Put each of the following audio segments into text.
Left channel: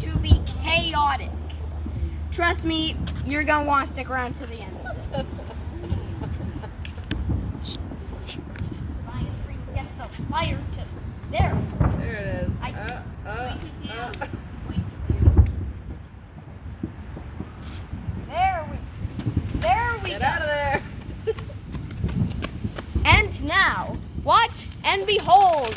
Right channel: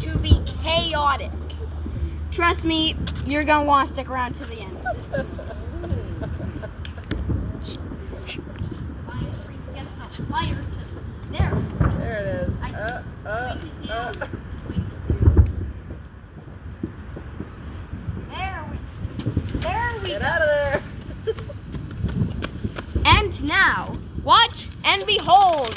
to be chaotic. Trust me, you're gonna want to stick around to the end. Get the fire to there. There it is. There we Get go. out of there. And now, watch and behold.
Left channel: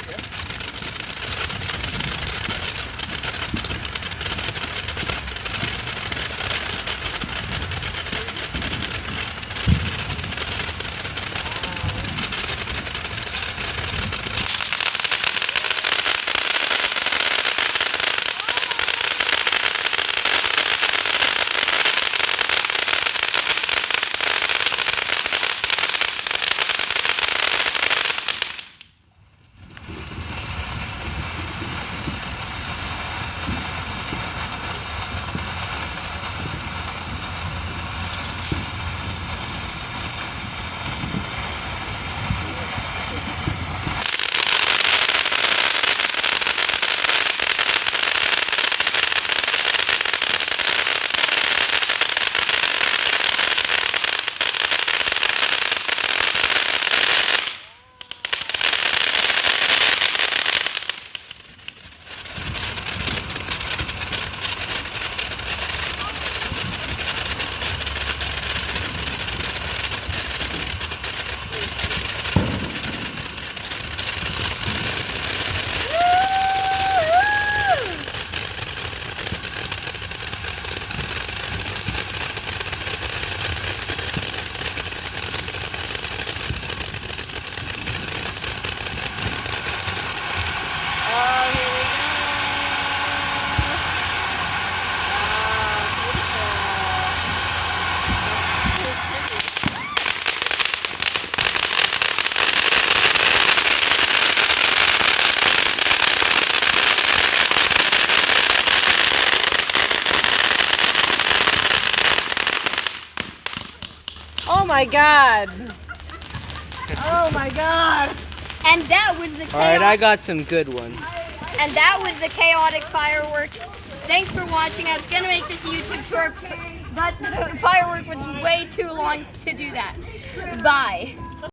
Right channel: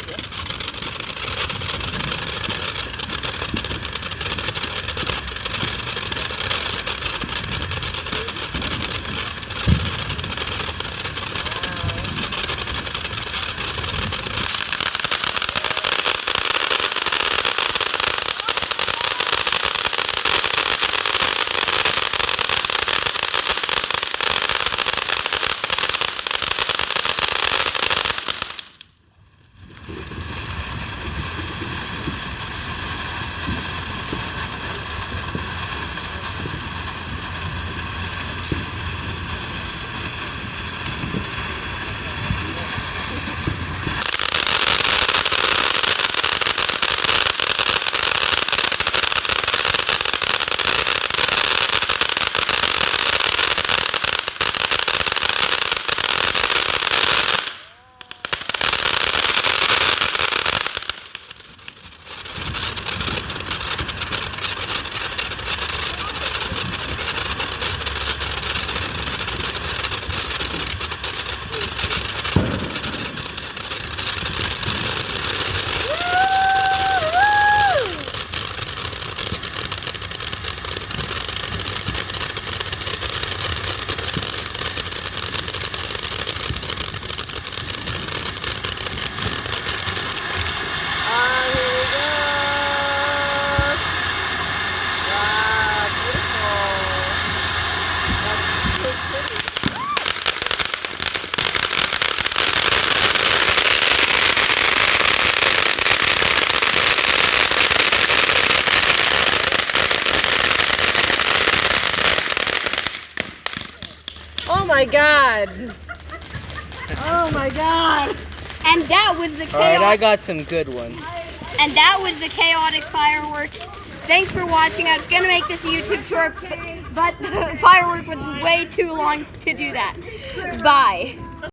Oh my God. Oh my God. And that was the chaotic. All right, I got some good ones. And that was the chaotic fireworks. Thanks for watching. I was gonna make this a YouTube short, but the firework was way too long to do that. Bye.